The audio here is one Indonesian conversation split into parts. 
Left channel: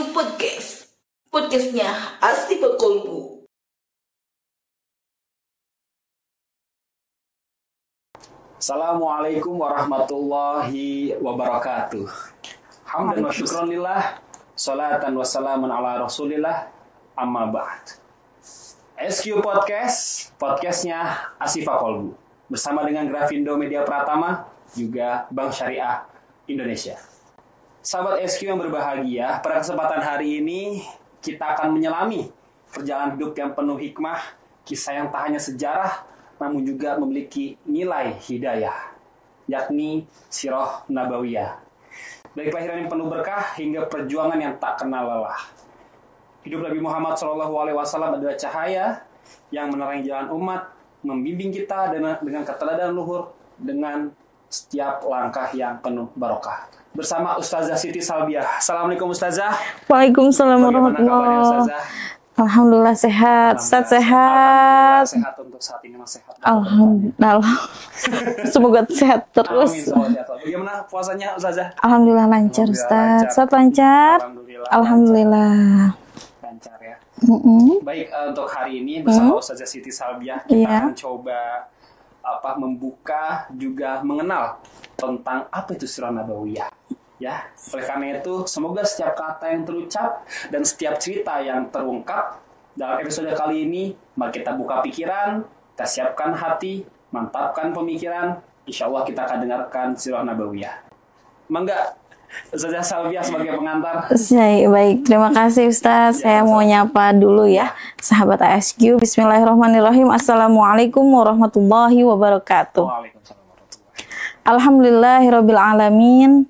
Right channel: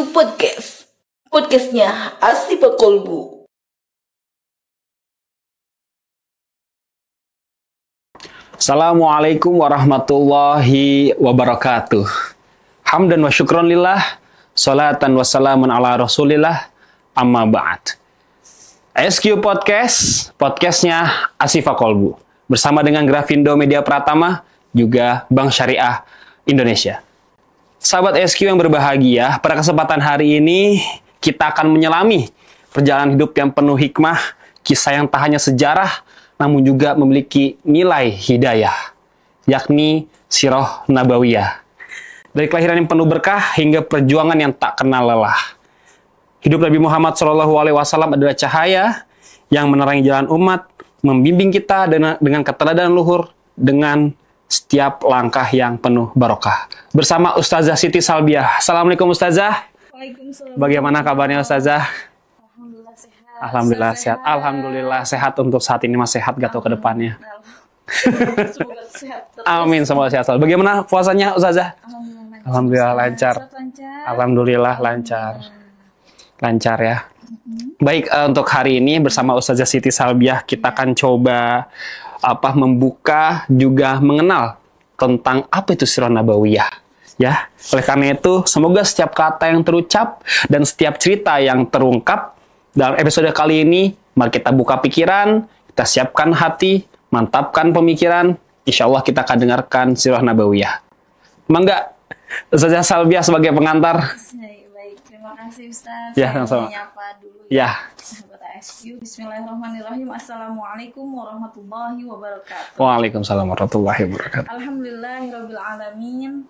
Kolbu Podcast. Podcastnya Astiva Kolbu. Assalamualaikum warahmatullahi wabarakatuh. Hamdan wa syukron lillah, salatan wa salamun ala rasulillah, amma ba'd. SQ Podcast, podcastnya Astiva Kolbu. Bersama dengan Grafindo Media Pratama, juga Bank Syariah Indonesia. Sahabat SQ yang berbahagia, pada kesempatan hari ini kita akan menyelami perjalanan hidup yang penuh hikmah, kisah yang tak hanya sejarah, namun juga memiliki nilai hidayah, yakni Sirah Nabawiyah. Dari kelahiran yang penuh berkah hingga perjuangan yang tak kenal lelah. Hidup Nabi Muhammad SAW adalah cahaya yang menerangi jalan umat, membimbing kita dengan keteladanan luhur, dengan setiap langkah yang penuh barokah. Bersama Ustazah Siti Salbiah. Assalamualaikum Ustazah. Waalaikumsalam. Bagaimana kabarnya Ustazah? Alhamdulillah sehat. Alhamdulillah sehat. Alhamdulillah sehat untuk saat ini, Mas, sehat gak tuh ke depannya? Semoga sehat terus. Amin, semoga sehat selalu. Bagaimana puasanya Ustazah? Alhamdulillah lancar. Alhamdulillah lancar. Saat lancar. Alhamdulillah lancar. Lancar ya. Baik, untuk hari ini bersama Ustazah Siti Salbiah kita akan coba membuka juga mengenal tentang apa itu Sirah Nabawiyah. Ya, oleh karena itu semoga setiap kata yang terucap dan setiap cerita yang terungkap dalam episode kali ini, mari kita buka pikiran, kita siapkan hati, mantapkan pemikiran. Insya Allah kita akan dengarkan Sirah Nabawiyah. Mangga, Ustazah Salbiah sebagai pengantar. Baik, terima kasih Ustaz. Saya mau nyapa dulu ya, sahabat ASQ. Bismillahirrahmanirrahim. Assalamualaikum warahmatullahi wabarakatuh. Waalaikumsalam warahmatullahi wabarakatuh. Alhamdulillahirabbil alamin.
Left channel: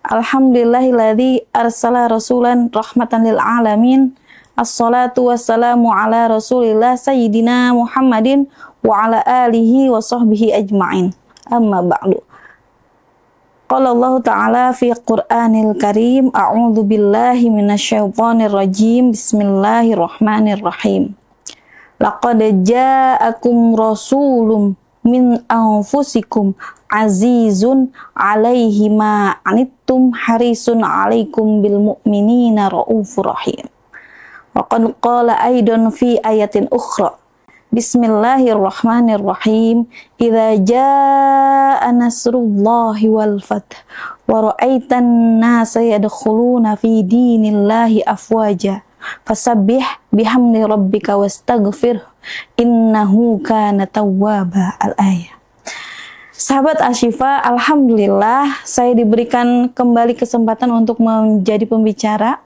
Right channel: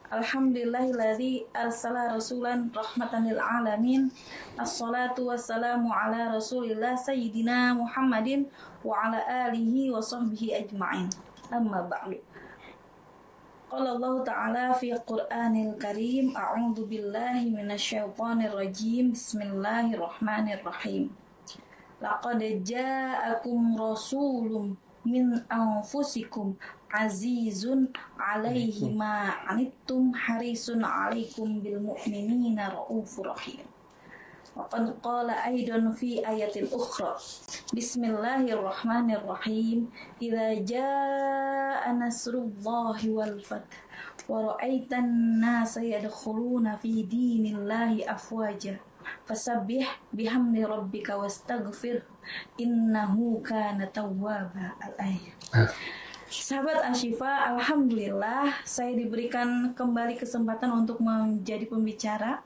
Alhamdulillahilladzi arsala rasulan rahmatan lil alamin. Assalatu wassalamu ala Rasulillah sayyidina Muhammadin wa ala alihi wa sahbihi ajma'in. Amma ba'du. Qala Allah Ta'ala fi Qur'anil Karim, a'udzu billahi minasyaitonir rajim. Bismillahirrahmanirrahim. Laqad ja'akum rasulun min anfusikum azizun 'alaihi ma 'anittum harisun 'alaikum bil mu'minina raufur rahim. Wa qad qala aidan fi ayatin ukhra. Bismillahirrahmanirrahim. Idza jaa nasrullahi wal fath wa ra'aitan nasa yadkhuluna fi dinillahi afwaja fasabbih bihamdi rabbika wastaghfir innahu kana tawwaba. Al-ayah. Sahabat Ashifa, alhamdulillah saya diberikan kembali kesempatan untuk menjadi pembicara.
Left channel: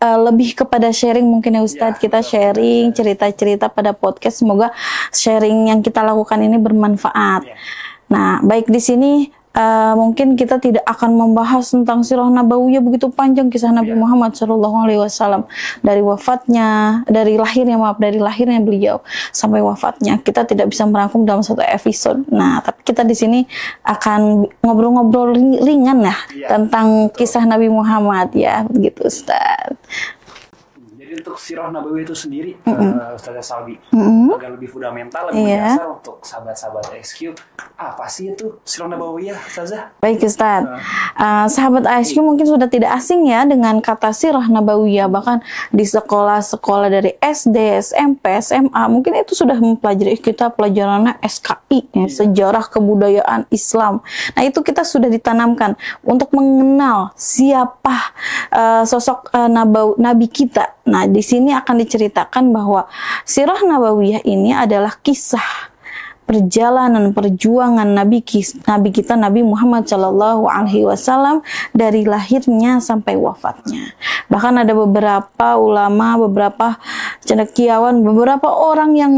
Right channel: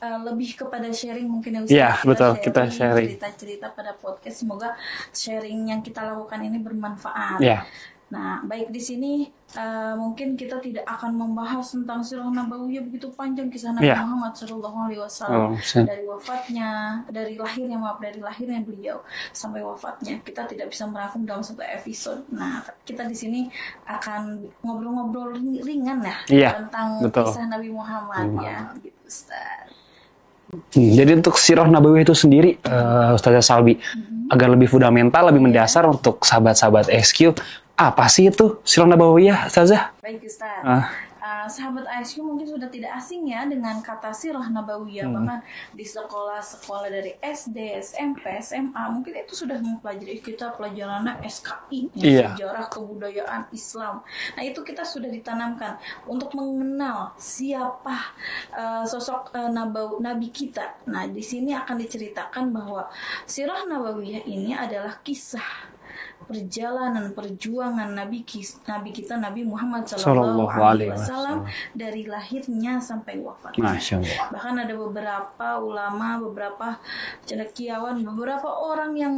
Lebih kepada sharing mungkin ya Ustadz, kita sharing cerita-cerita pada podcast. Semoga sharing yang kita lakukan ini bermanfaat. Nah, baik di sini mungkin kita tidak akan membahas tentang Sirah Nabawiyah begitu panjang kisah Nabi Muhammad SAW dari wafatnya, dari lahirnya beliau sampai wafatnya. Kita tidak bisa merangkum dalam satu episode. Nah, tapi kita di sini akan ngobrol-ngobrol ringan tentang kisah Nabi Muhammad ya, begitu Ustaz. Jadi untuk Sirah Nabawiyah itu sendiri, Ustazah Salbi, agar lebih fundamental, lebih mendasar untuk sahabat-sahabat SQ, apa sih itu Sirah Nabawiyah, Ustazah? Baik Ustaz, sahabat ASQ mungkin sudah tidak asing ya dengan kata Sirah Nabawiyah, bahkan di sekolah-sekolah dari SD, SMP, SMA, mungkin itu sudah mempelajari kita pelajarannya SKI, Sejarah Kebudayaan Islam. Nah itu kita sudah ditanamkan untuk mengenal siapa sosok Nabi kita. Nah di sini akan diceritakan bahwa Sirah Nabawiyah ini adalah kisah perjalanan perjuangan Nabi kita Nabi Muhammad SAW dari lahirnya sampai wafatnya. Bahkan ada beberapa ulama, beberapa cendekiawan, beberapa orang yang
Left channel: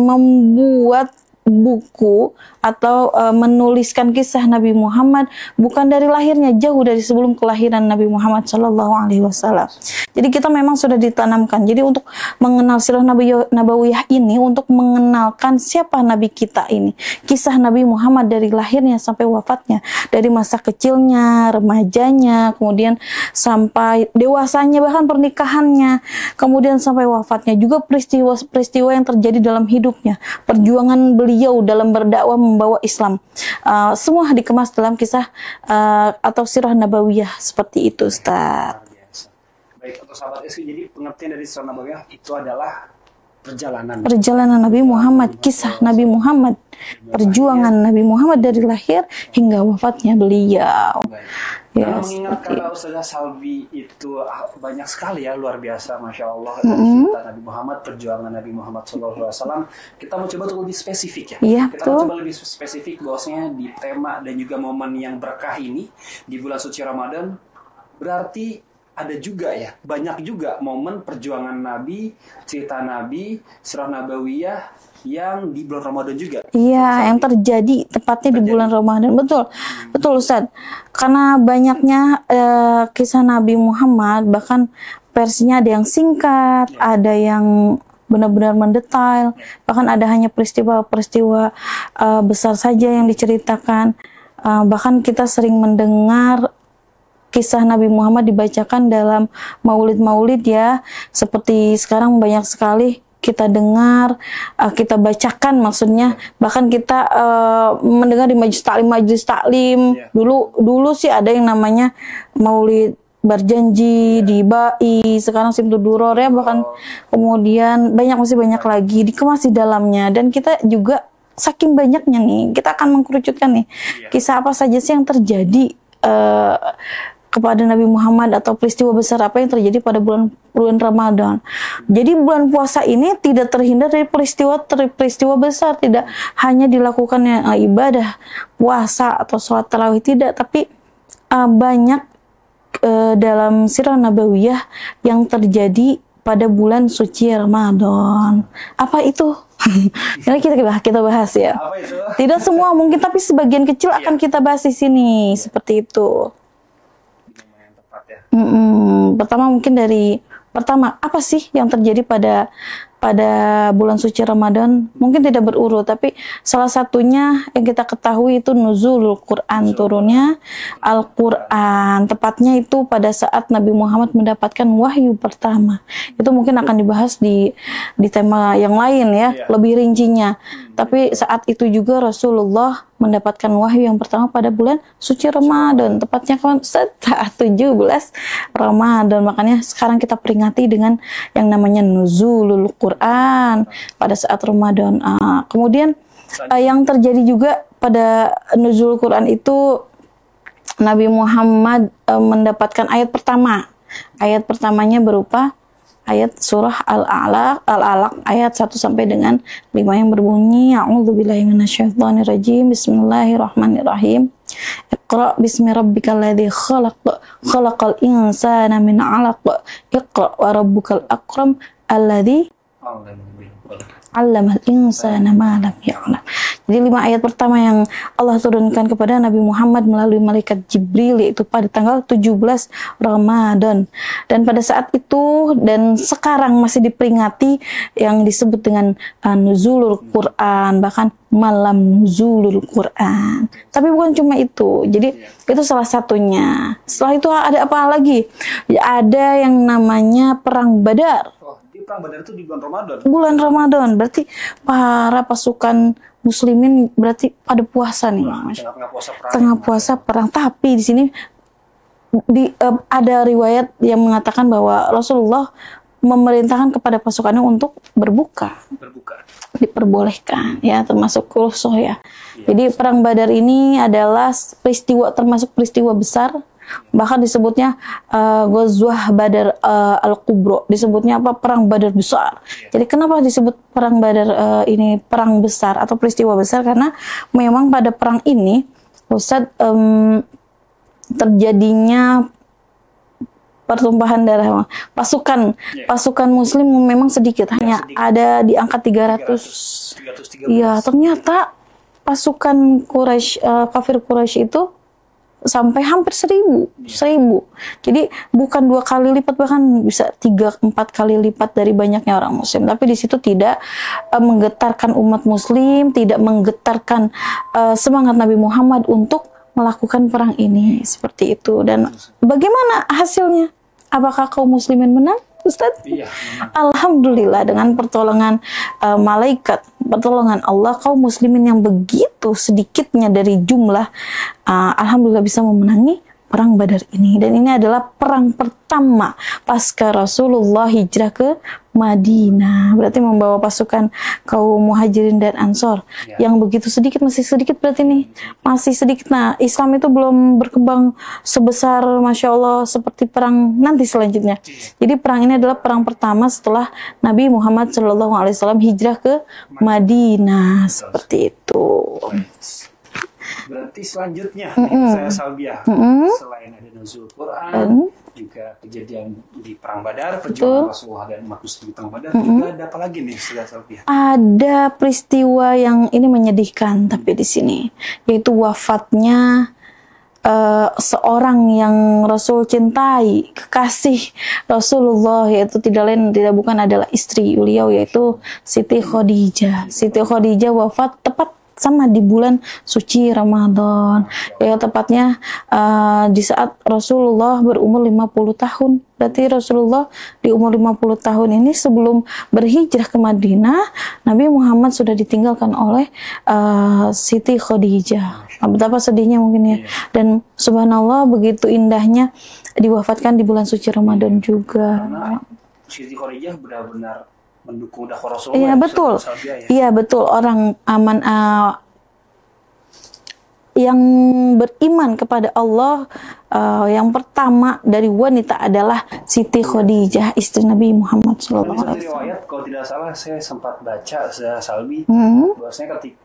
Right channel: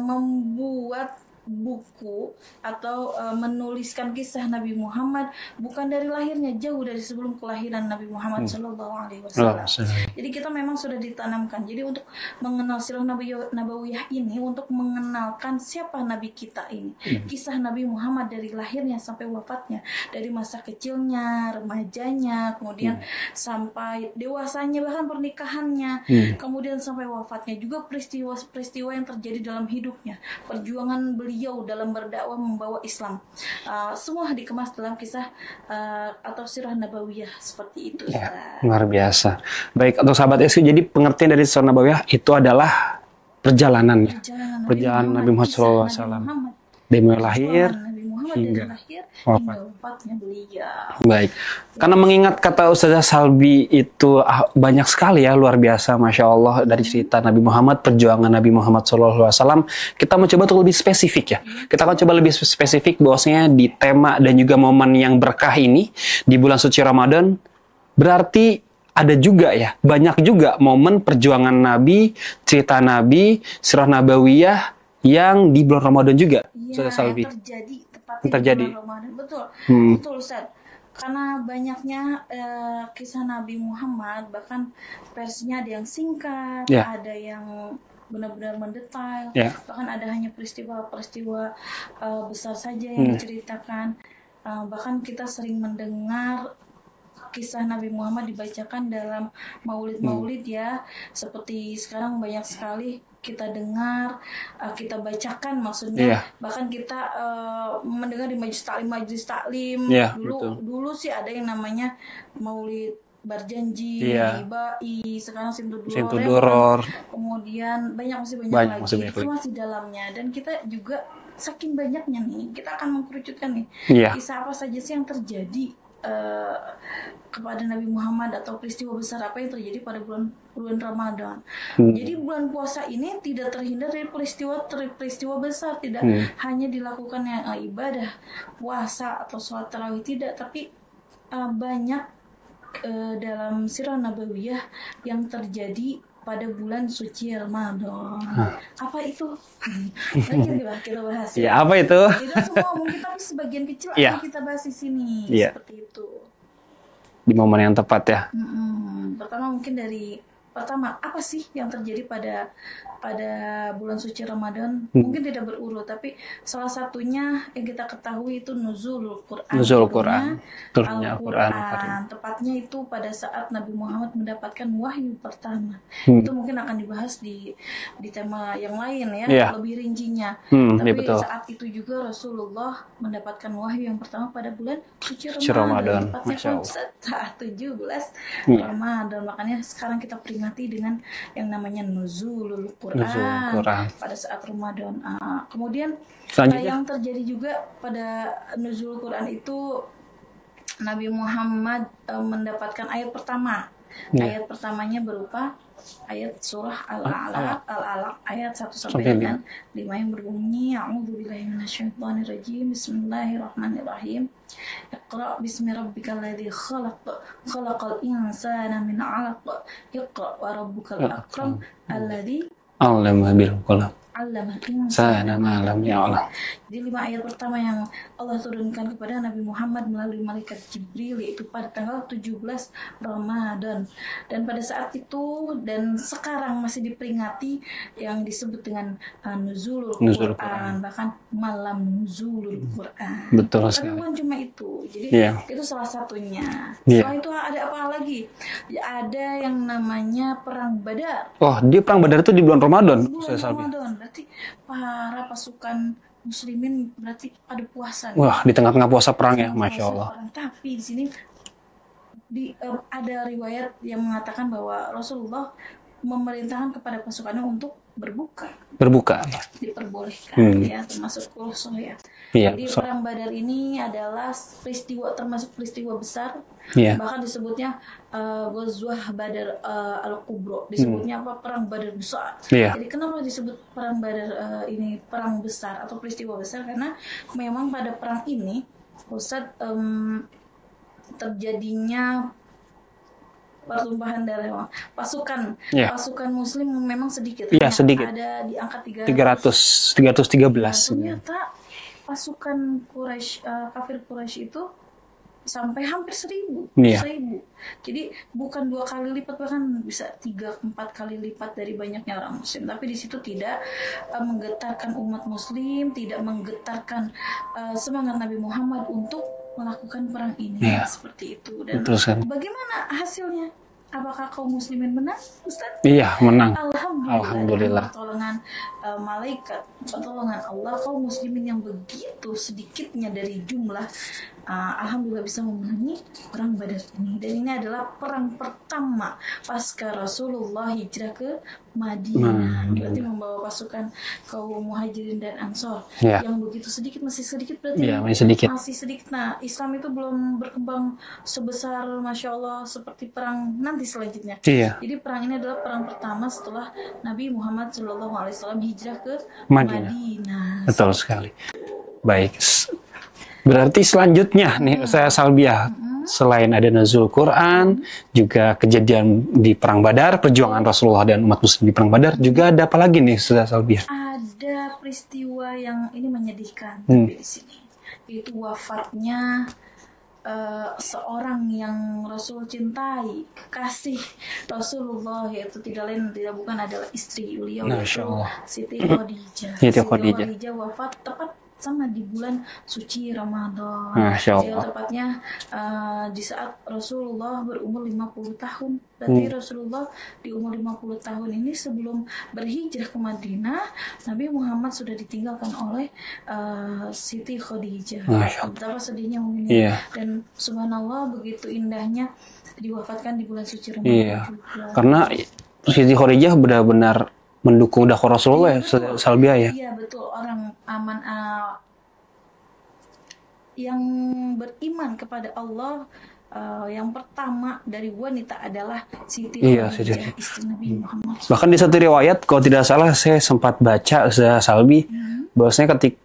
membuat buku atau menuliskan kisah Nabi Muhammad bukan dari lahirnya, jauh dari sebelum kelahiran Nabi Muhammad SAW. Jadi kita memang sudah ditanamkan. Jadi untuk mengenal Sirah Nabawiyah ini, untuk mengenalkan siapa Nabi kita ini, kisah Nabi Muhammad dari lahirnya sampai wafatnya, dari masa kecilnya, remajanya, kemudian sampai dewasanya, bahkan pernikahannya, kemudian sampai wafatnya, juga peristiwa-peristiwa yang terjadi dalam hidupnya, perjuangan beliau beliau dalam berdakwah membawa Islam. Semua dikemas dalam kisah atau sirah nabawiyah seperti itu, Ustaz. Luar biasa. Baik, untuk sahabat SQ, jadi pengertian dari sirah nabawiyah itu adalah perjalanan Nabi Muhammad, kisah Nabi Muhammad, perjuangan Nabi Muhammad dari lahir hingga wafatnya beliau. Baik. Karena mengingat kata Ustazah Salbi itu banyak sekali ya, luar biasa, Masya Allah, dari cerita Nabi Muhammad, perjuangan Nabi Muhammad SAW, kita mencoba untuk lebih spesifik ya. Kita akan coba lebih spesifik bahwasanya di tema dan juga momen yang berkah ini, di bulan suci Ramadan, berarti ada juga ya, banyak juga momen perjuangan Nabi, cerita Nabi, sirah nabawiyah yang di bulan Ramadan juga. Iya, yang terjadi tepatnya di bulan Ramadan. Betul, betul Ustaz. Karena banyaknya kisah Nabi Muhammad, bahkan versinya ada yang singkat, ada yang benar-benar mendetail, bahkan ada hanya peristiwa-peristiwa besar saja yang diceritakan. Bahkan kita sering mendengar kisah Nabi Muhammad dibacakan dalam maulid-maulid ya, seperti sekarang banyak sekali kita dengar, kita bacakan maksudnya, bahkan kita mendengar di majelis taklim. Dulu sih ada yang namanya maulid berjanji di Bai, sekarang Simtud Duror ya, bukan, kemudian masih banyak lagi dikemas di dalamnya, dan kita juga saking banyaknya nih, kita akan mengkerucutkan nih kisah apa saja sih yang terjadi kepada Nabi Muhammad atau peristiwa besar apa yang terjadi pada bulan Ramadan. Jadi bulan puasa ini tidak terhindar dari peristiwa besar, tidak hanya dilakukannya ibadah puasa atau sholat tarawih, tidak, tapi banyak dalam sirah nabawiyah yang terjadi pada bulan suci Ramadan. Apa itu? Ini kita bahas ya. Apa itu? Tidak semua mungkin, tapi sebagian kecil akan kita bahas di sini, seperti itu. Di momen yang tepat ya. Pertama, apa sih yang terjadi pada bulan suci Ramadan? Mungkin tidak berurut, tapi salah satunya yang kita ketahui itu nuzulul Quran, turunnya Al-Quran. Tepatnya itu pada saat Nabi Muhammad mendapatkan wahyu pertama. Itu mungkin akan dibahas di tema yang lain ya, lebih rincinya. Tapi saat itu juga Rasulullah mendapatkan wahyu yang pertama pada bulan suci Ramadan. Tepatnya kan saat 17 Ramadan. Makanya sekarang kita peringati dengan yang namanya nuzulul Quran pada saat Ramadan. Kemudian yang terjadi juga pada nuzul Quran itu Nabi Muhammad mendapatkan ayat pertama. Ayat pertamanya berupa ayat surah Al-Alaq ayat 1 sampai dengan 5 yang berbunyi A'udzubillahi minasyaitonirrajim. Bismillahirrahmanirrahim. Iqra bismi rabbikal ladzi khalaq, khalaqal insana min 'alaq. Iqra wa rabbukal akram alladzi 'allama bil qalam. 'Allamal insana ma lam ya'lam. Jadi 5 ayat pertama yang Allah turunkan kepada Nabi Muhammad melalui malaikat Jibril, yaitu pada tanggal 17 Ramadan. Dan pada saat itu dan sekarang masih diperingati yang disebut dengan nuzulul Quran, bahkan malam nuzulul Quran. Betul, tapi bukan cuma itu. Jadi itu salah satunya. Setelah itu ada apa lagi? Ya, ada yang namanya perang Badar. Oh, dia perang Badar itu di bulan Ramadan. Bulan Ramadan. Berarti para pasukan muslimin berarti pada puasa nih. Wah, di tengah-tengah puasa perang. Tengah puasa perang. Tapi di sini ada riwayat yang mengatakan bahwa Rasulullah memerintahkan kepada pasukannya untuk berbuka. Diperbolehkan ya, termasuk rusuh ya. Jadi perang Badar ini adalah termasuk peristiwa besar. Bahkan disebutnya Ghazwah Badar Al-Kubro, disebutnya perang Badar besar. Jadi kenapa disebut perang Badar ini perang besar atau peristiwa besar? Karena memang pada perang ini Ustadz terjadinya pertumpahan darah pasukan muslim memang sedikit, hanya ada di angka 313. Ya, ternyata pasukan Quraisy, kafir Quraisy itu sampai hampir 1000. Jadi bukan 2 kali lipat, bahkan bisa 3-4 kali lipat dari banyaknya orang muslim. Tapi di situ tidak menggetarkan umat muslim, tidak menggetarkan semangat Nabi Muhammad untuk melakukan perang ini. Seperti itu. Dan bagaimana hasilnya? Apakah kaum muslimin menang, Ustaz? Iya, menang. Alhamdulillah, dengan pertolongan malaikat, pertolongan Allah, kaum muslimin yang begitu sedikitnya dari jumlah, alhamdulillah bisa memenangi perang Badar ini. Dan ini adalah perang pertama pasca Rasulullah hijrah ke Madinah. Berarti membawa pasukan kaum Muhajirin dan Ansor yang begitu sedikit, masih sedikit berarti nih. Masih sedikit. Nah, Islam itu belum berkembang sebesar Masya Allah seperti perang nanti selanjutnya. Jadi perang ini adalah perang pertama setelah Nabi Muhammad SAW hijrah ke Madinah. Betul seperti sekali. itu. Baik. Berarti selanjutnya nih saya Salbiah, selain ada nuzul Quran, juga kejadian di perang Badar, perjuangan Rasulullah dan umat muslim di perang Badar, juga ada apa lagi nih saya Salbiah? Ada peristiwa yang ini menyedihkan tapi di sini, yaitu wafatnya seorang yang Rasul cintai, kekasih Rasulullah, yaitu tidak lain tidak bukan adalah istri beliau, yaitu Siti Khadijah. Siti Khadijah wafat tepat sama di bulan suci Ramadan. Ya, tepatnya di saat Rasulullah berumur 50 tahun. Berarti Rasulullah di umur 50 tahun ini sebelum berhijrah ke Madinah, Nabi Muhammad sudah ditinggalkan oleh Siti Khadijah. Betapa sedihnya mungkin ya. Dan subhanallah begitu indahnya diwafatkan di bulan suci Ramadan juga. Karena Siti Khadijah benar-benar mendukung dakwah Rasulullah, betul. Salbiah ya. Iya betul, orang aman yang beriman kepada Allah yang pertama dari wanita adalah Siti Khadijah, istri Nabi Muhammad SAW. Bahkan di satu riwayat, kalau tidak salah saya sempat baca Salbi, bahwasanya ketika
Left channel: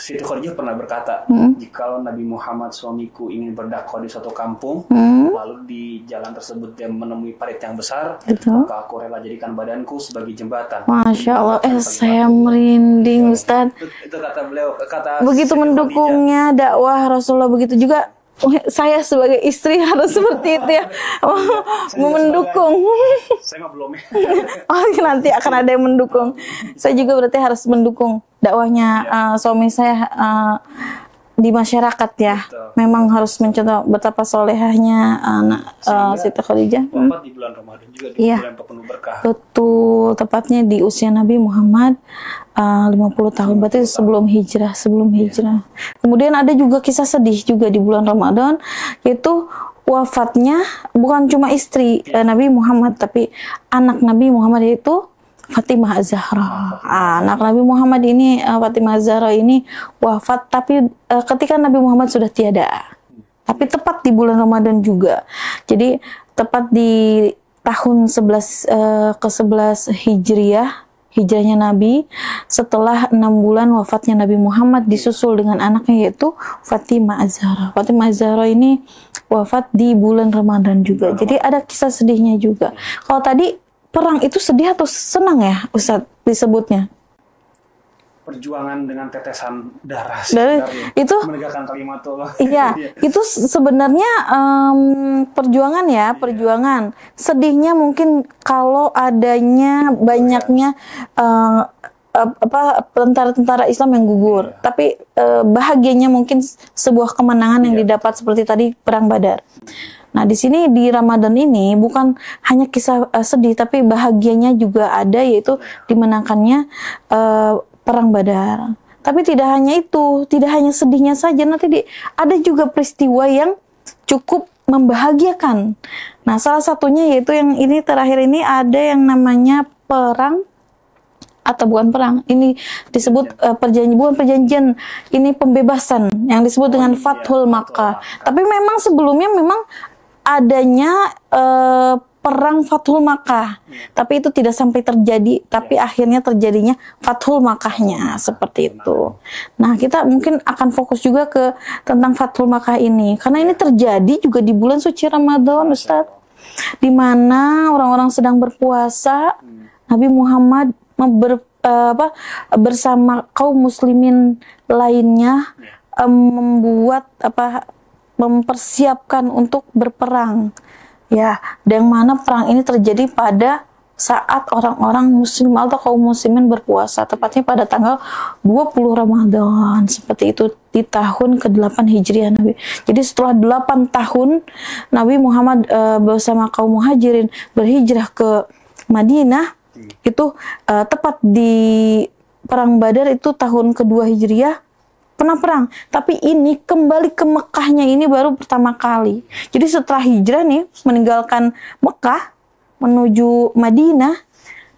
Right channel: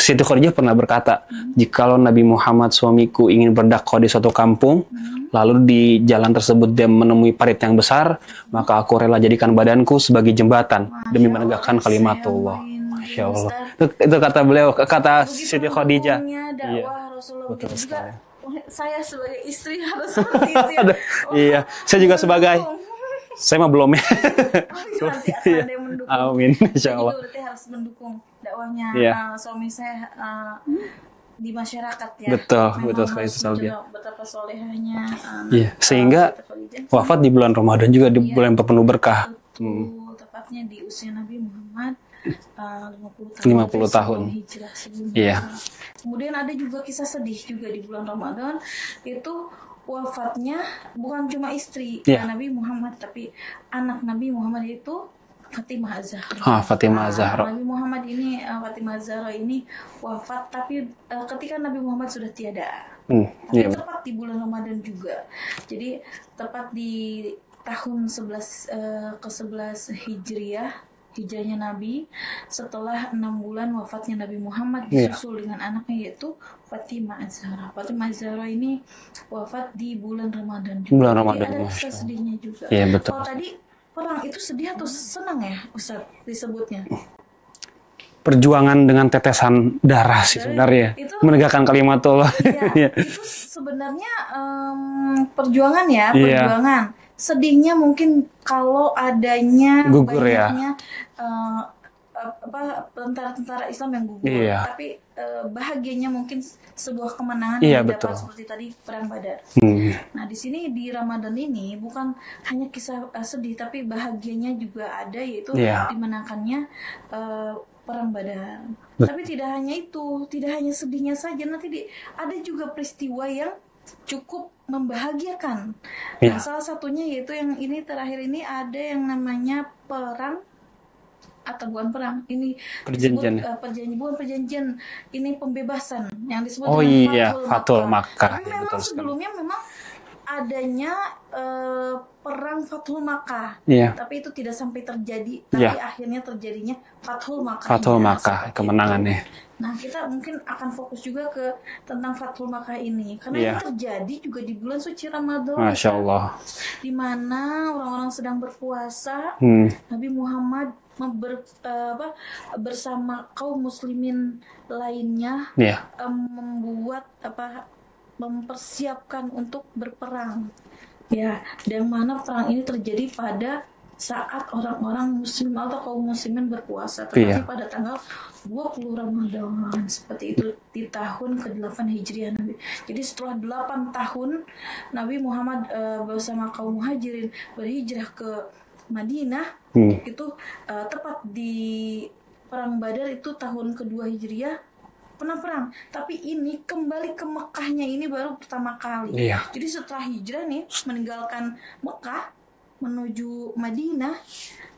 Siti Khadijah pernah berkata, jikalau Nabi Muhammad suamiku ingin berdakwah di suatu kampung, lalu di jalan tersebut dia menemui parit yang besar, maka aku rela jadikan badanku sebagai jembatan demi menegakkan kalimat saya Allah. merinding, Ustaz. Itu kata beliau, kata begitu Siti Khadijah. Mendukungnya dakwah Rasulullah, begitu juga saya sebagai istri harus seperti itu ya. Saya juga sebagai, saya mah belum ya. Nanti akan ada yang mendukung. Amin, saya juga berarti harus mendukung dakwahnya suami saya di masyarakat ya. Memang harus mencontoh betapa solehahnya sehingga Siti Khadijah wafat di bulan Ramadan juga, di bulan penuh berkah. Betul, tepatnya di usia Nabi Muhammad 50 tahun, berarti sebelum hijrah. Kemudian ada juga kisah sedih juga di bulan Ramadan, yaitu wafatnya bukan cuma istri Nabi Muhammad, tapi anak Nabi Muhammad, yaitu Fatimah Az-Zahra. Anak Nabi Muhammad ini, Fatimah Az-Zahra ini wafat, tapi ketika Nabi Muhammad sudah tiada. Tapi tepat di bulan Ramadan juga. Jadi tepat di tahun ke-11 Hijrahnya Nabi, setelah 6 bulan wafatnya Nabi Muhammad, disusul dengan anaknya yaitu Fatimah Az-Zahra. Fatimah Az-Zahra ini wafat di bulan Ramadan juga. Jadi ada kisah sedihnya juga. Kalau tadi perang itu sedih atau senang ya, Ustadz, disebutnya? Perjuangan dengan tetesan darah sih sebenarnya. Itu menegakkan kalimat Allah. Iya, itu sebenarnya perjuangan ya, perjuangan. Sedihnya mungkin kalau adanya banyaknya tentara-tentara Islam yang gugur. Tapi bahagianya mungkin sebuah kemenangan yang didapat seperti tadi perang Badar. Nah, di sini di Ramadan ini bukan hanya kisah sedih, tapi bahagianya juga ada, yaitu dimenangkannya perang Badar. Tapi tidak hanya itu, tidak hanya sedihnya saja, nanti ada juga peristiwa yang cukup membahagiakan. Nah, salah satunya yaitu yang ini terakhir ini ada yang namanya perang, atau bukan perang, ini disebut perjanjian, ini pembebasan yang disebut dengan Fathul Makkah. Tapi memang sebelumnya memang adanya perang Fathul Makkah, tapi itu tidak sampai terjadi, tapi akhirnya terjadinya Fathul Makkahnya, seperti itu. Nah, kita mungkin akan fokus juga ke tentang Fathul Makkah ini, karena ini terjadi juga di bulan suci Ramadan, Ustaz, di mana orang-orang sedang berpuasa. Nabi Muhammad bersama kaum muslimin lainnya mempersiapkan untuk berperang. Ya, yang mana perang ini terjadi pada saat orang-orang muslim atau kaum muslimin berpuasa, tepatnya pada tanggal 20 Ramadan, seperti itu di tahun ke-8 Hijriah Nabi. Jadi setelah 8 tahun Nabi Muhammad bersama kaum muhajirin berhijrah ke Madinah, itu tepat di Perang Badar itu tahun kedua Hijriah, pernah perang. Tapi ini kembali ke Mekahnya ini baru pertama kali. Jadi setelah hijrah nih, meninggalkan Mekah menuju Madinah,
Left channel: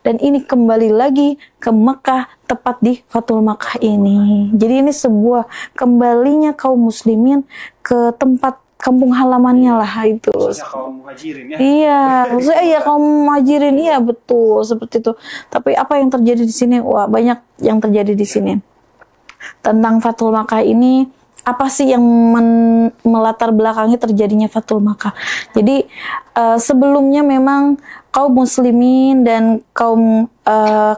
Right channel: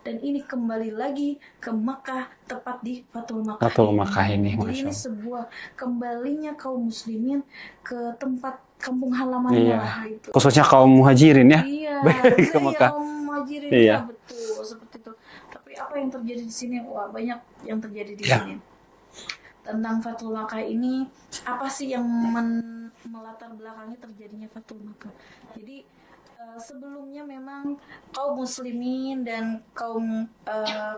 dan ini kembali lagi ke Mekah tepat di Fathul Makkah ini. Jadi ini sebuah kembalinya kaum muslimin ke tempat kampung halamannya lah itu. Khususnya kaum muhajirin ya. Iya, khususnya ya kaum muhajirin ya, betul seperti itu. Tapi apa yang terjadi di sini? Wah, banyak yang terjadi di sini. Tentang Fathul Makkah ini, apa sih yang melatar belakangi terjadinya Fathul Makkah? Jadi sebelumnya memang kaum muslimin dan kaum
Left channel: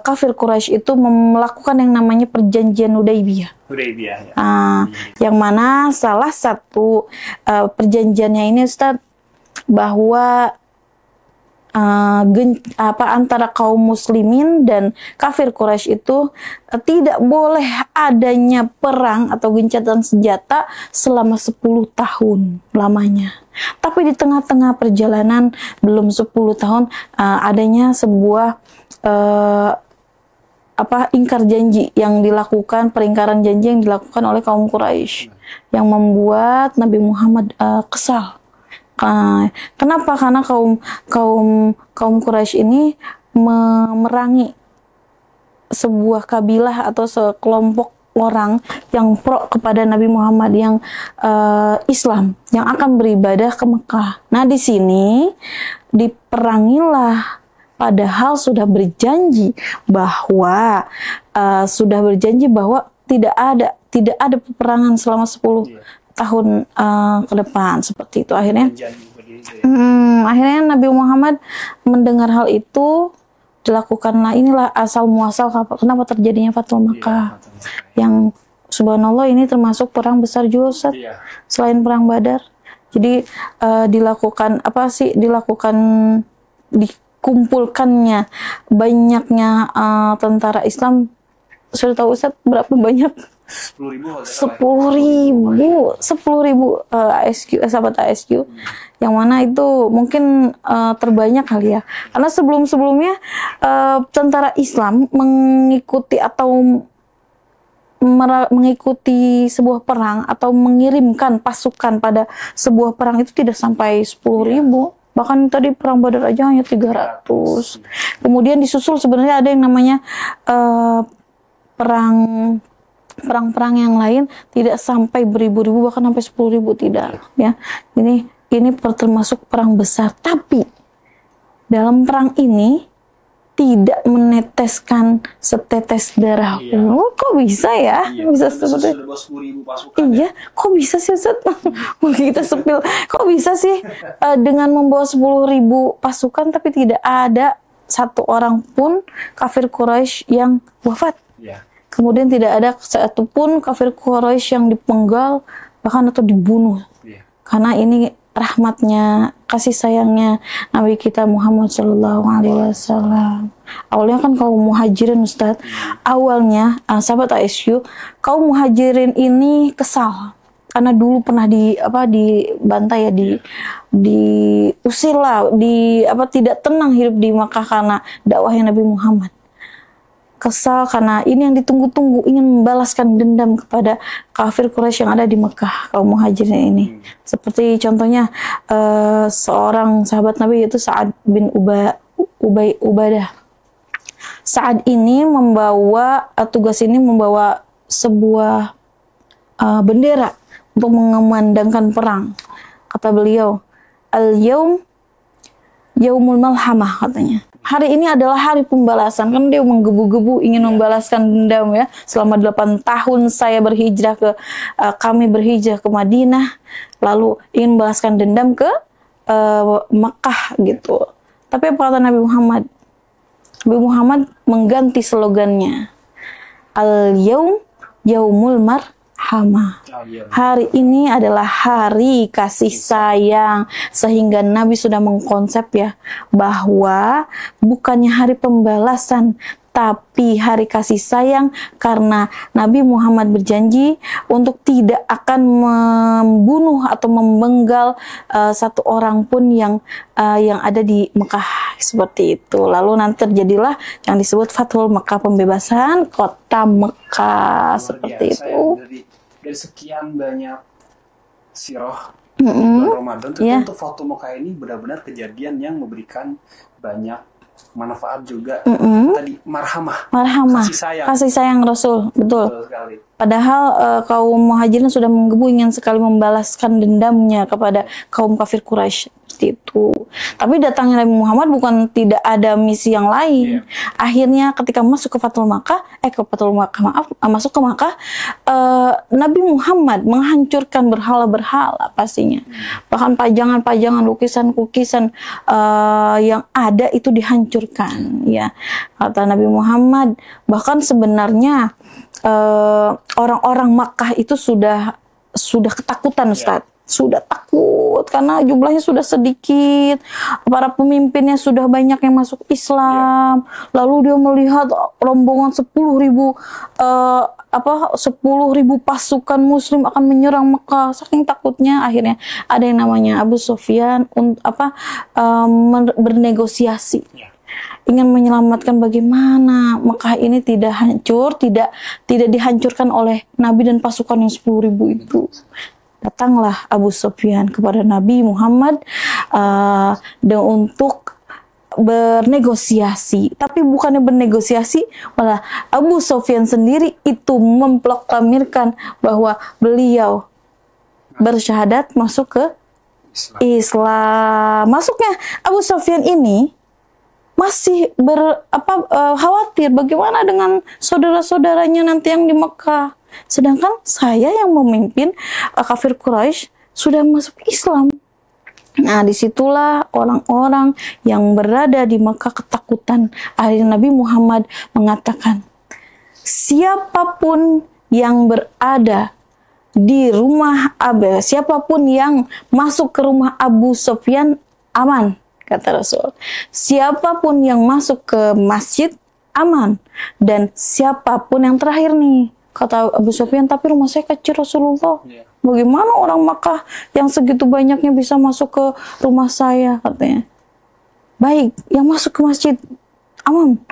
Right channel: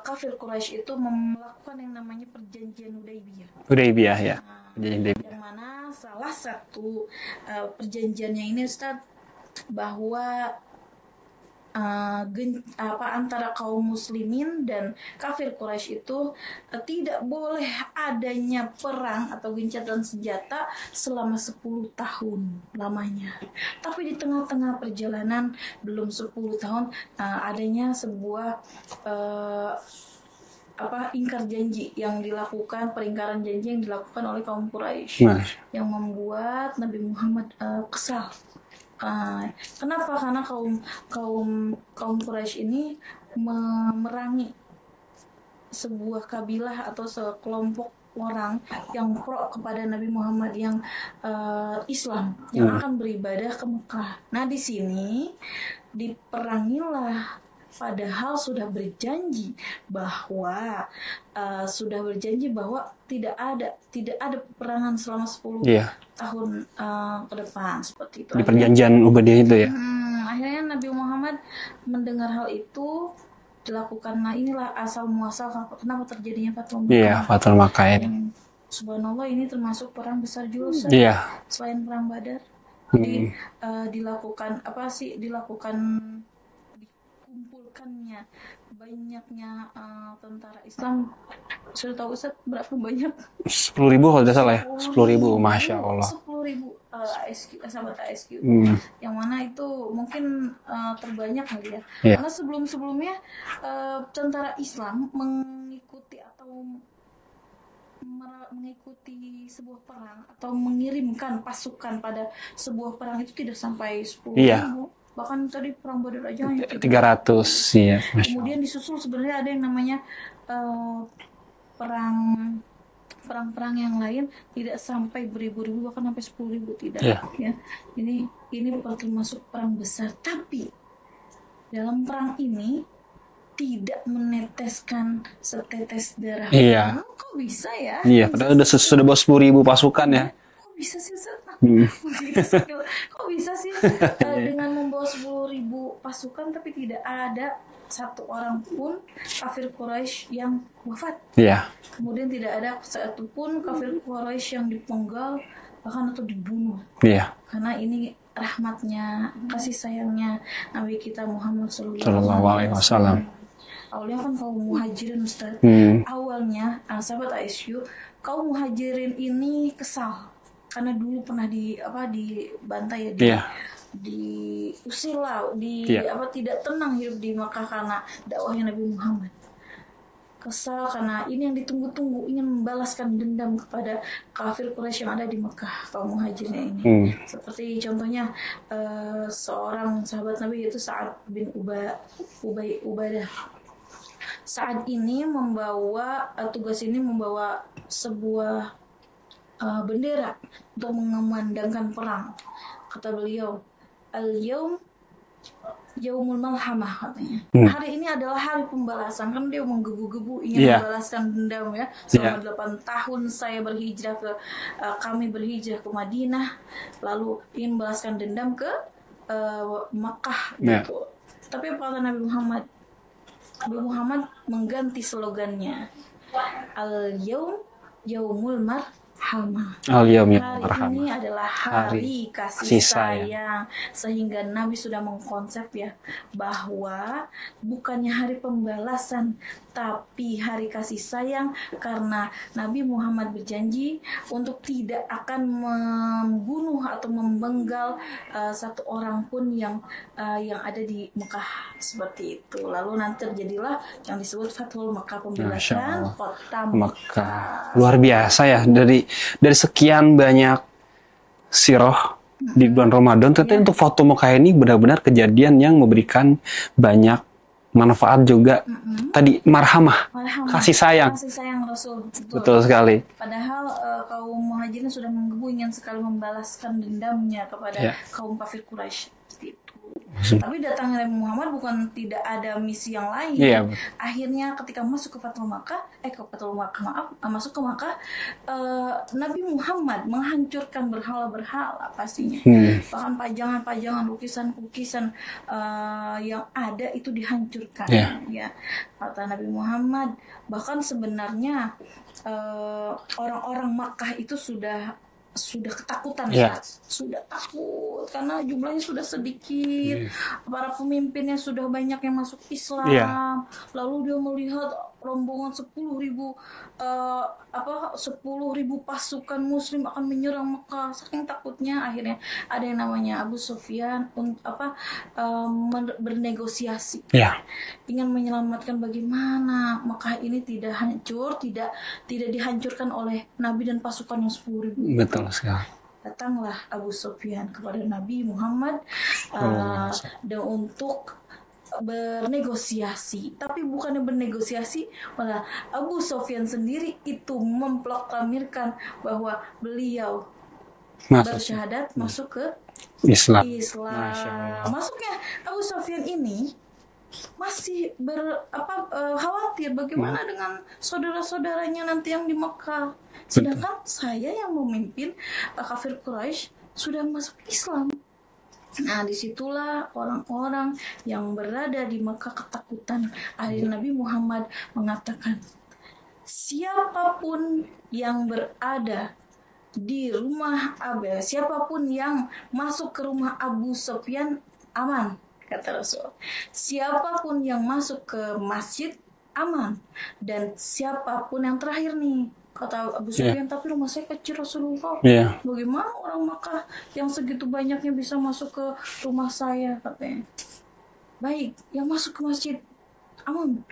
kafir Quraisy itu melakukan yang namanya perjanjian Hudaybiyah. Hudaybiyah ya. Yang mana salah satu perjanjiannya ini, Ustaz, bahwa antara kaum muslimin dan kafir Quraisy itu tidak boleh adanya perang atau gencatan senjata selama 10 tahun lamanya. Tapi di tengah-tengah perjalanan belum 10 tahun adanya sebuah ingkar janji yang dilakukan, peringkaran janji yang dilakukan oleh kaum Quraisy yang membuat Nabi Muhammad kesal. Kenapa? Karena kaum Quraisy ini memerangi sebuah kabilah atau sekelompok orang yang pro kepada Nabi Muhammad, yang Islam, yang akan beribadah ke Mekah. Nah, di sini diperangilah, padahal sudah berjanji bahwa tidak ada peperangan selama 10 tahun ke depan, seperti itu. Akhirnya perjanjian Ubaidiyah itu ya. Akhirnya Nabi Muhammad mendengar hal itu, dilakukanlah inilah asal muasal kenapa terjadinya Fathul Makkah. Fathul Makkah Yang subhanallah ini termasuk perang besar juga, Ustaz. Selain perang Badar. Jadi dikumpulkannya banyaknya tentara Islam. Sudah tahu, Ustaz, berapa banyak? 10.000 kalau tidak salah ya. 10.000 sahabat ASQ. Yang mana itu mungkin terbanyak kali ya. Karena sebelum-sebelumnya tentara Islam mengikuti sebuah perang atau mengirimkan pasukan pada sebuah perang itu tidak sampai 10.000. Bahkan tadi perang Badar aja hanya 300. Kemudian disusul sebenarnya ada yang namanya perang-perang yang lain tidak sampai beribu-ribu, bahkan sampai 10.000 tidak. Ya, ini termasuk perang besar. Tapi dalam perang ini tidak meneteskan setetes darah. Kok bisa ya? Sudah bawa 10.000 pasukan ya? Kok bisa sih, Ustaz? Kita sepil. Kok bisa sih dengan membawa 10.000 pasukan tapi tidak ada satu orang pun kafir Quraisy yang wafat. Kemudian tidak ada satupun kafir Quraisy yang dipenggal bahkan atau dibunuh. Karena ini rahmatnya, kasih sayangnya Nabi kita Muhammad SAW. Awalnya kan kaum muhajirin, Ustaz. Awalnya sahabat ASQ, kaum muhajirin ini kesal karena dulu pernah dibantai ya, diusir lah, tidak tenang hidup di Makkah karena dakwahnya Nabi Muhammad. Kesal karena ini yang ditunggu-tunggu, ingin membalaskan dendam kepada kafir Quraisy yang ada di Mekah, kaum muhajirin ini. Seperti contohnya seorang sahabat Nabi, yaitu Sa'ad bin Ubadah. Sa'ad ini membawa sebuah bendera untuk mengumandangkan perang. Kata beliau, al-yaum yaumul malhamah, katanya. Hari ini adalah hari pembalasan. Kan dia menggebu-gebu ingin membalaskan dendam ya. Selama 8 tahun kami berhijrah ke Madinah, lalu ingin membalaskan dendam ke Mekah gitu. Tapi apa kata Nabi Muhammad? Nabi Muhammad mengganti slogannya. Al-yaum yaumul marhamah. Al-yaumil Hari marhamah. ini adalah hari kasih kasih sayang. Sehingga Nabi sudah mengkonsep ya, bahwa bukannya hari pembalasan, tapi hari kasih sayang, karena Nabi Muhammad berjanji untuk tidak akan membunuh atau memenggal satu orang pun yang ada di Mekah, seperti itu. Lalu nanti terjadilah yang disebut Fathul Mekah, pembebasan kota Mekah. Luar biasa ya, dari sekian banyak sirah di bulan Ramadan, ternyata untuk Fathul Mekah ini benar-benar kejadian yang memberikan banyak manfaat juga. Tadi marhamah, kasih sayang Rasul, betul sekali. Padahal kaum muhajirin sudah menggebu ingin sekali membalaskan dendamnya kepada kaum kafir Quraisy, seperti itu. Tapi datangnya Nabi Muhammad bukan tidak ada misi yang lain. Akhirnya ketika masuk ke Fathul Makkah, masuk ke Makkah, Nabi Muhammad menghancurkan berhala-berhala pastinya. Bahkan pajangan-pajangan, lukisan-lukisan yang ada itu dihancurkan. Ya, kata Nabi Muhammad. Bahkan sebenarnya orang-orang Makkah itu sudah ketakutan, Ustaz. Sudah takut karena jumlahnya sudah sedikit. Para pemimpinnya sudah banyak yang masuk Islam. Lalu dia melihat rombongan 10.000 pasukan muslim akan menyerang Mekah. Saking takutnya akhirnya ada yang namanya Abu Sufyan bernegosiasi. Ingin menyelamatkan bagaimana Mekah ini tidak hancur, tidak dihancurkan oleh Nabi dan pasukan yang 10.000 itu. Betul sekali. Datanglah Abu Sufyan kepada Nabi Muhammad dan untuk bernegosiasi. Tapi bukannya bernegosiasi, malah Abu Sufyan sendiri itu memproklamirkan bahwa beliau bersyahadat masuk ke Islam. Masuknya Abu Sufyan ini masih khawatir bagaimana dengan saudara-saudaranya nanti yang di Mekah. Sedangkan saya yang memimpin kafir Quraisy sudah masuk Islam. Nah, disitulah orang-orang yang berada di Mekah ketakutan. Akhirnya Nabi Muhammad mengatakan, siapapun yang berada di rumah siapapun yang masuk ke rumah Abu Sufyan aman, kata Rasul. Siapapun yang masuk ke masjid aman, dan siapapun yang terakhir nih, kata Abu Sufyan, tapi rumah saya kecil Rasulullah. Bagaimana orang Makkah yang segitu banyaknya bisa masuk ke rumah saya, katanya. Baik, yang masuk ke masjid aman.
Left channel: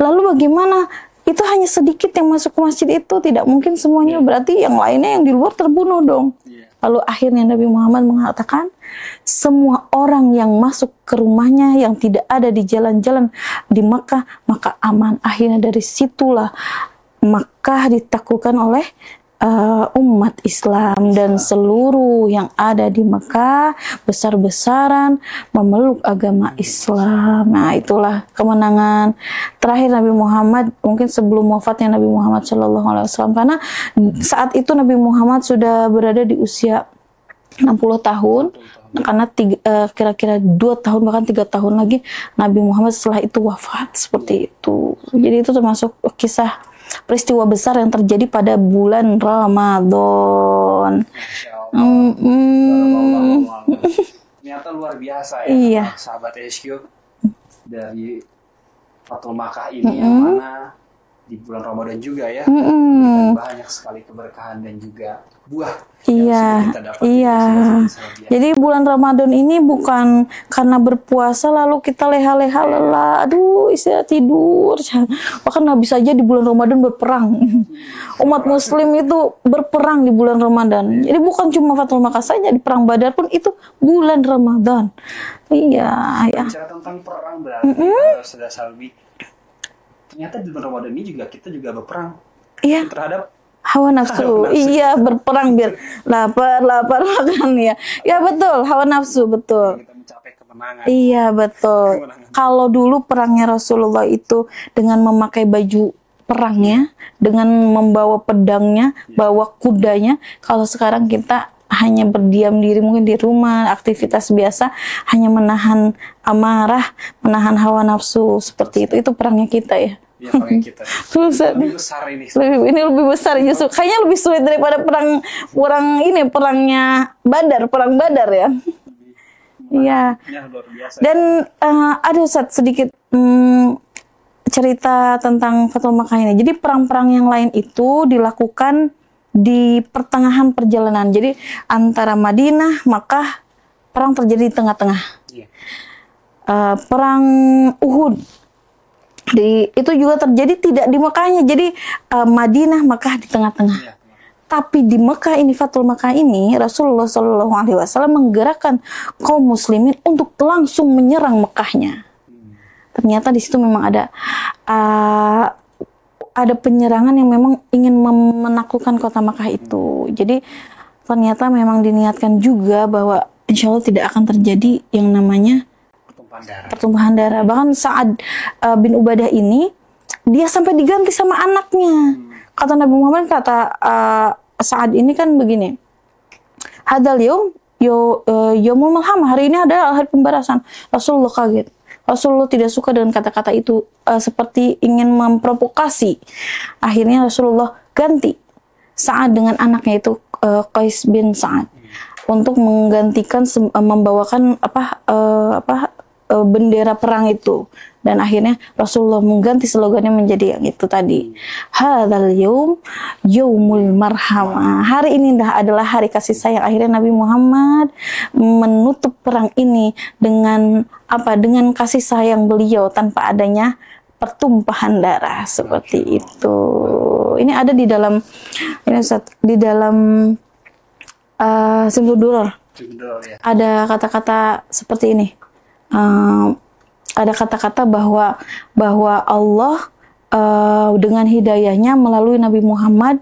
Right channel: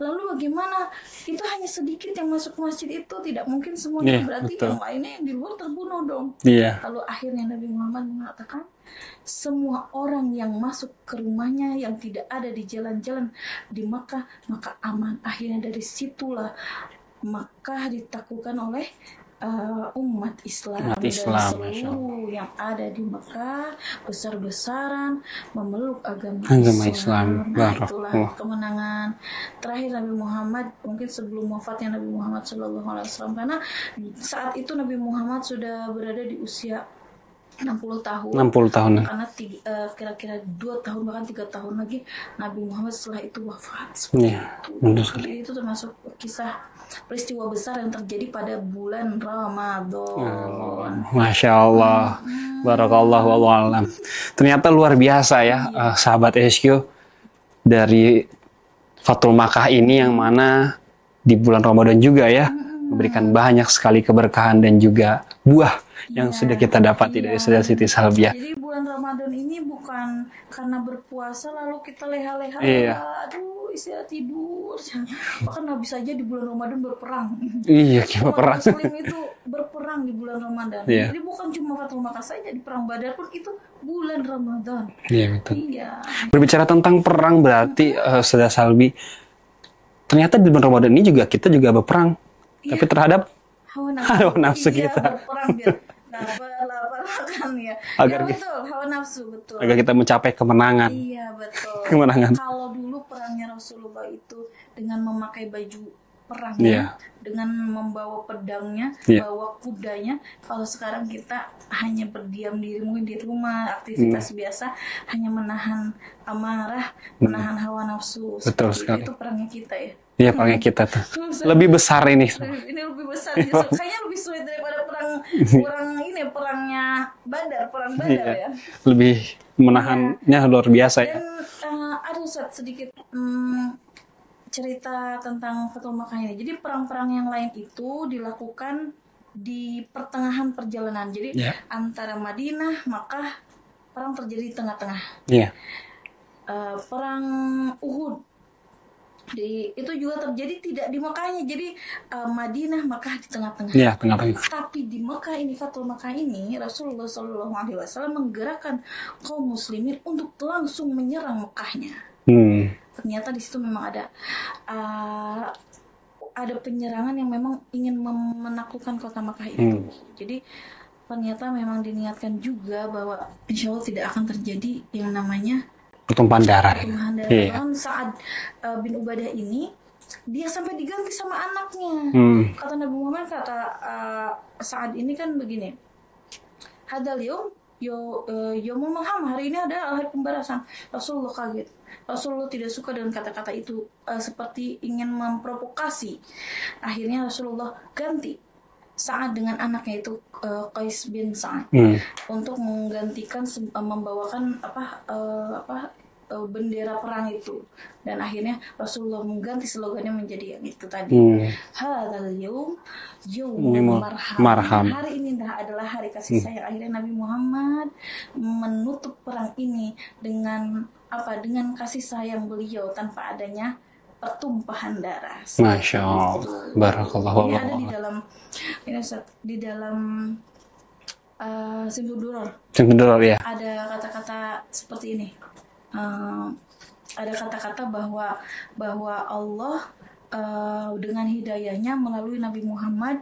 Lalu bagaimana? Itu hanya sedikit yang masuk ke masjid itu, tidak mungkin semuanya. Berarti yang lainnya yang di luar terbunuh dong. Lalu akhirnya Nabi Muhammad mengatakan, semua orang yang masuk ke rumahnya yang tidak ada di jalan-jalan di Makkah, maka aman. Akhirnya dari situlah Makkah ditaklukkan oleh umat Islam, dan seluruh yang ada di Makkah besar-besaran memeluk agama Islam. Nah, itulah kemenangan terakhir Nabi Muhammad, mungkin sebelum wafatnya Nabi Muhammad SAW, karena saat itu Nabi Muhammad sudah berada di usia 60 tahun. Karena kira-kira 2 tahun bahkan 3 tahun lagi Nabi Muhammad setelah itu wafat, seperti itu. Jadi itu termasuk kisah peristiwa besar yang terjadi pada bulan Ramadan. Masya Allah, barakallah wa'alam. Ternyata luar biasa ya, sahabat HQ, dari Fathul Makkah ini yang mana di bulan Ramadan juga ya, memberikan banyak sekali keberkahan dan juga buah yang sudah kita dapat dari Siti Salbiah. Jadi bulan Ramadan ini bukan karena berpuasa lalu kita leha-leha lelah, aduh istirahat tidur. Bahkan habis saja di bulan Ramadan berperang. Umat Muslim itu berperang di bulan Ramadan. Jadi bukan cuma Fathul Makkah saja, di perang Badar pun itu bulan Ramadan. Berbicara tentang perang berarti Ustazah Salbi, ternyata di bulan Ramadan ini kita juga berperang terhadap hawa nafsu. Berperang biar lapar makan ya. Betul, hawa nafsu, betul. Agar kita mencapai kemenangan. Betul. Kalau dulu perangnya Rasulullah itu dengan memakai baju perangnya, dengan membawa pedangnya, bawa kudanya. Kalau sekarang kita hanya berdiam diri mungkin di rumah, aktivitas biasa, hanya menahan amarah, menahan hawa nafsu, seperti itu. Itu perangnya kita ya. Iya, perangnya kita tuh. Susah. Lebih besar ini. Ini lebih besar justru. Kayaknya lebih sulit daripada perangnya perang Badar ya. Lebih menahannya luar biasa. Dan ada sedikit cerita tentang Fathul Makkah ini. Jadi perang-perang yang lain itu dilakukan di pertengahan perjalanan. Jadi antara Madinah, Makkah, perang terjadi di tengah-tengah. Iya. Perang Uhud itu juga terjadi tidak di Mekahnya. Jadi Madinah, Makkah di tengah-tengah. Iya, tengah-tengah. Tapi di Mekah ini, Fathul Makkah ini, Rasulullah SAW menggerakkan kaum muslimin untuk langsung menyerang Mekahnya. Ternyata di situ memang ada penyerangan yang memang ingin menaklukkan kota Makkah itu. Jadi ternyata memang diniatkan juga bahwa insya Allah tidak akan terjadi yang namanya pertumpahan darah. Yeah. Bahkan Sa'ad bin Ubadah ini dia sampai diganti sama anaknya. Kata Nabi Muhammad, Sa'ad ini kan begini. Hadal yaumul malhamah, hari ini adalah hari pembalasan. Rasulullah kaget. Rasulullah tidak suka dengan kata-kata itu, seperti ingin memprovokasi. Akhirnya Rasulullah ganti Sa'ad dengan anaknya itu Qais bin Sa'ad untuk menggantikan membawakan bendera perang itu. Dan akhirnya Rasulullah mengganti slogannya menjadi yang itu tadi. Hadzal yaumul marhamah. Hari ini adalah hari kasih sayang. Akhirnya Nabi Muhammad menutup perang ini dengan kasih sayang beliau tanpa adanya pertumpahan darah seperti itu. Ini ada di dalam Simtud Duror. Ya. Ada kata-kata seperti ini. Ada kata-kata bahwa Allah dengan hidayahnya melalui Nabi Muhammad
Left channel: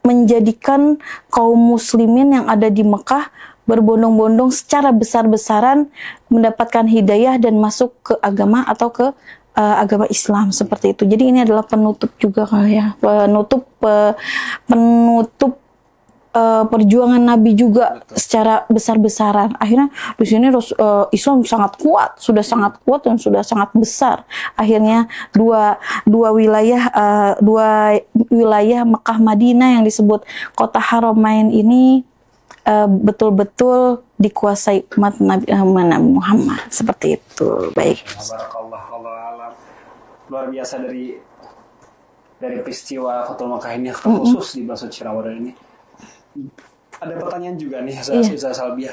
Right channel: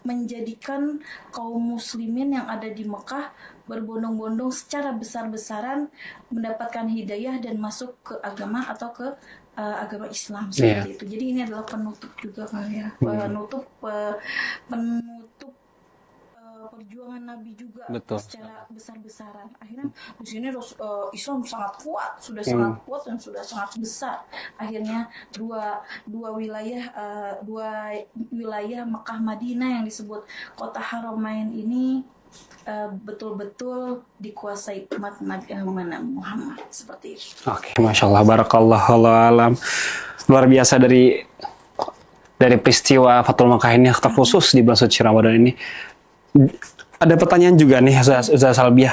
menjadikan kaum muslimin yang ada di Mekah berbondong-bondong secara besar-besaran mendapatkan hidayah dan masuk ke agama atau ke agama Islam seperti itu. Jadi ini adalah penutup juga kali ya, penutup perjuangan Nabi juga. Betul. Secara besar-besaran. Akhirnya di sini Islam sangat kuat, sangat kuat dan sudah sangat besar. Akhirnya dua wilayah Mekah Madinah yang disebut kota Haramain ini betul-betul dikuasai umat Nabi Muhammad seperti itu. Masya Allah, barakallahu alam. Luar biasa dari peristiwa Fathul Makkah ini, terkhusus di bulan suci Ramadan ini. Ada pertanyaan juga nih, Ustazah Salbiah,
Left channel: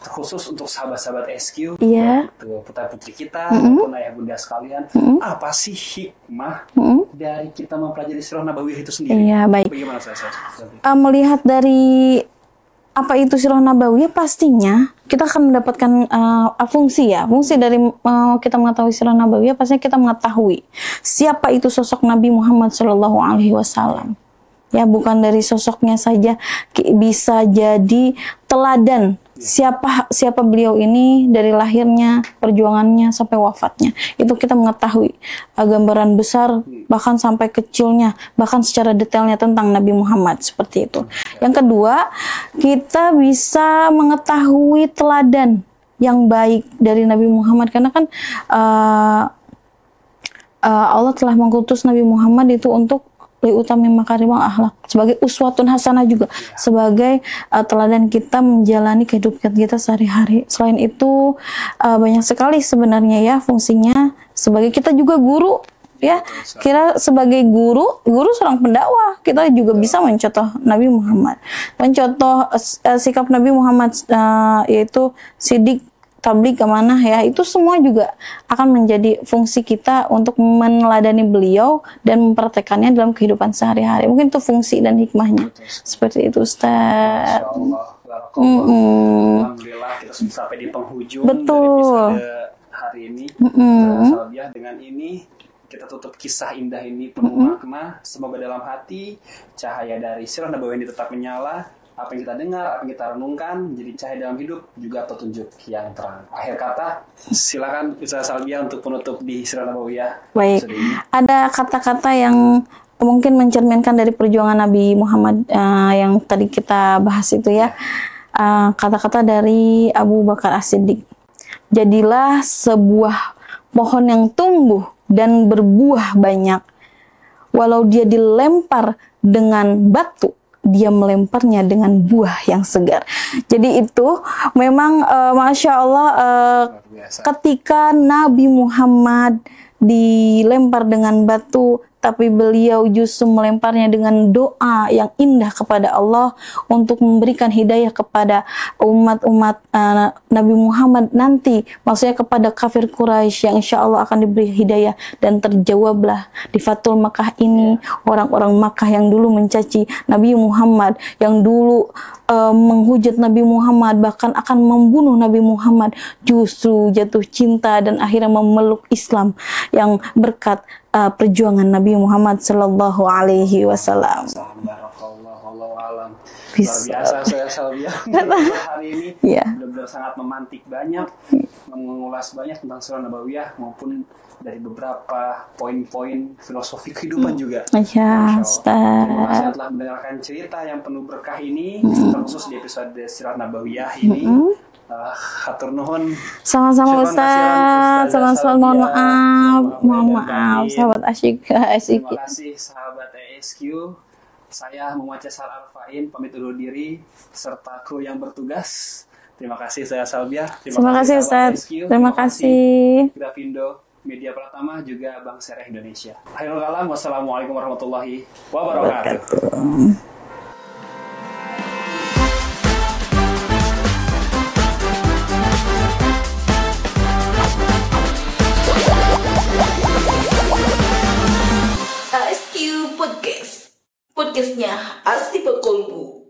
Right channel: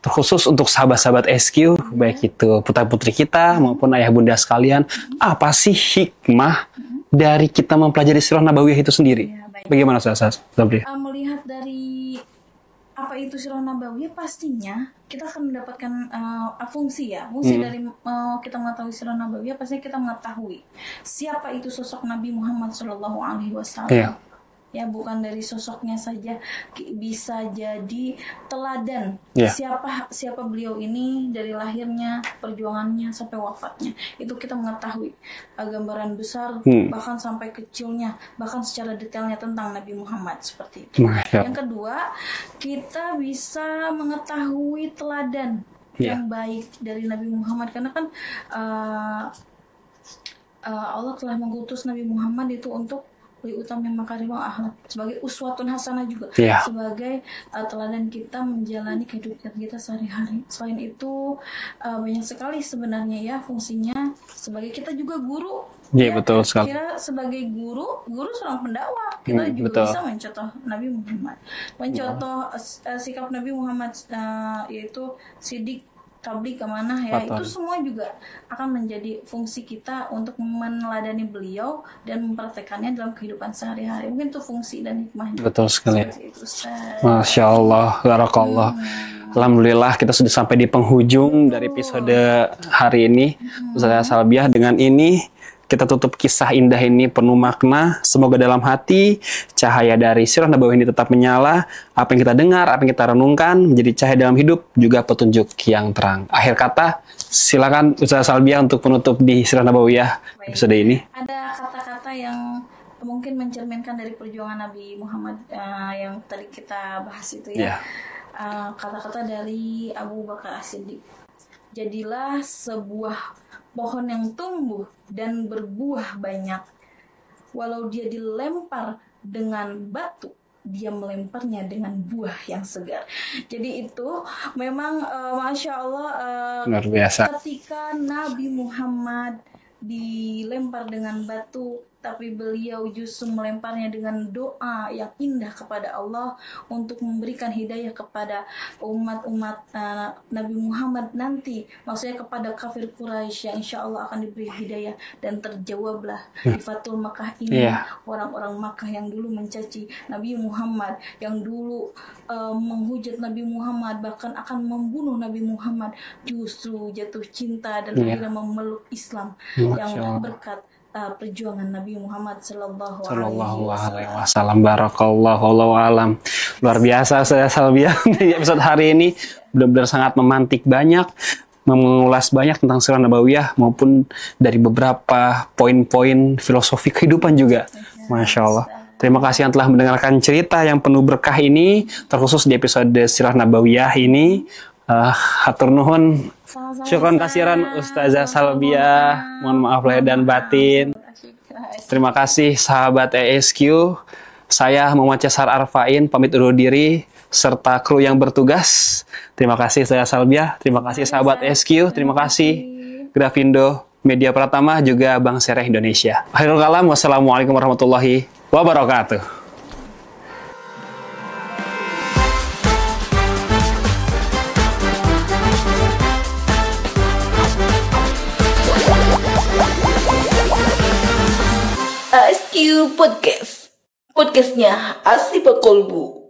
terkhusus untuk sahabat-sahabat SQ, baik itu putra-putri kita maupun ayah bunda sekalian. Apa sih hikmah dari kita mempelajari sirah nabawiyah itu sendiri? Bagaimana Ustazah Salbiah? Melihat dari apa itu sirah nabawiyah, pastinya kita akan mendapatkan fungsi dari kita mengetahui sirah nabawiyah, pastinya kita mengetahui siapa itu sosok Nabi Muhammad SAW. Ya, bukan dari sosoknya saja, bisa jadi teladan siapa beliau ini dari lahirnya, perjuangannya sampai wafatnya. Itu kita mengetahui gambaran besar, bahkan sampai kecilnya, bahkan secara detailnya tentang Nabi Muhammad seperti itu. Yang kedua, kita bisa mengetahui teladan yang baik dari Nabi Muhammad, karena kan Allah telah mengutus Nabi Muhammad itu untuk utami makarimul akhlak, sebagai uswatun hasanah juga, sebagai teladan kita menjalani kehidupan kita sehari-hari. Selain itu banyak sekali sebenarnya fungsinya, sebagai kita juga guru. Betul sekali. Kira sebagai guru seorang pendakwah, kita juga bisa mencontoh Nabi Muhammad, mencontoh sikap Nabi Muhammad, yaitu sidik, tabligh, amanah itu semua juga akan menjadi fungsi kita untuk meneladani beliau dan mempraktekannya dalam kehidupan sehari-hari. Mungkin itu fungsi dan hikmahnya. Betul sekali. Seperti itu, Ustaz. Masya Allah, barakallah. Alhamdulillah kita sudah sampai di penghujung dari episode hari ini. Ustazah Salbiah, dengan ini kita tutup kisah indah ini penuh makna. Semoga dalam hati cahaya dari sirah nabawiyah ini tetap menyala. Apa yang kita dengar, apa yang kita renungkan menjadi cahaya dalam hidup, juga petunjuk yang terang. Akhir kata, silakan Ustazah Salbiah untuk penutup di sirah nabawiyah episode ini. Ada kata-kata yang mungkin mencerminkan dari perjuangan Nabi Muhammad yang tadi kita bahas itu kata-kata dari Abu Bakar As-Siddiq. Jadilah sebuah pohon yang tumbuh dan berbuah banyak. Walau dia dilempar dengan batu, dia melemparnya dengan buah yang segar. Jadi itu memang Masya Allah Luar biasa. ketika Nabi Muhammad dilempar dengan batu, tapi beliau justru melemparnya dengan doa yang indah kepada Allah untuk memberikan hidayah kepada umat-umat Nabi Muhammad nanti, maksudnya kepada kafir Quraisy yang insya Allah akan diberi hidayah, dan terjawablah di Fathul Makkah ini. Orang-orang Makkah yang dulu mencaci Nabi Muhammad, yang dulu menghujat Nabi Muhammad, bahkan akan membunuh Nabi Muhammad, justru jatuh cinta dan akhirnya memeluk Islam yang berkat perjuangan Nabi Muhammad Sallallahu Alaihi Wasallam. Salam barakallah, wallahu alam. Luar biasa Ustazah Salbiah di episode hari ini. Benar-benar sangat memantik banyak, mengulas banyak tentang sirah nabawiyah maupun dari beberapa poin-poin filosofi kehidupan juga. Masya Allah. Terima kasih yang telah mendengarkan cerita yang penuh berkah ini, terkhusus di episode sirah nabawiyah ini. Hatur nuhun. Sama-sama Syukran kasiran Ustazah Salbiah. Mohon maaf lahir dan batin. Sahabat asyik. Terima kasih sahabat ESQ. Saya Muhammad Cesar Arfain pamit undur diri serta kru yang bertugas. Terima kasih Ustazah Salbiah. Terima kasih sahabat ESQ. Terima kasih Grafindo Media Pratama, juga Bank Syariah Indonesia. Akhirul kalam, wassalamualaikum warahmatullahi wabarakatuh. ASQ Podcast. Podcastnya Asli Pekolbu.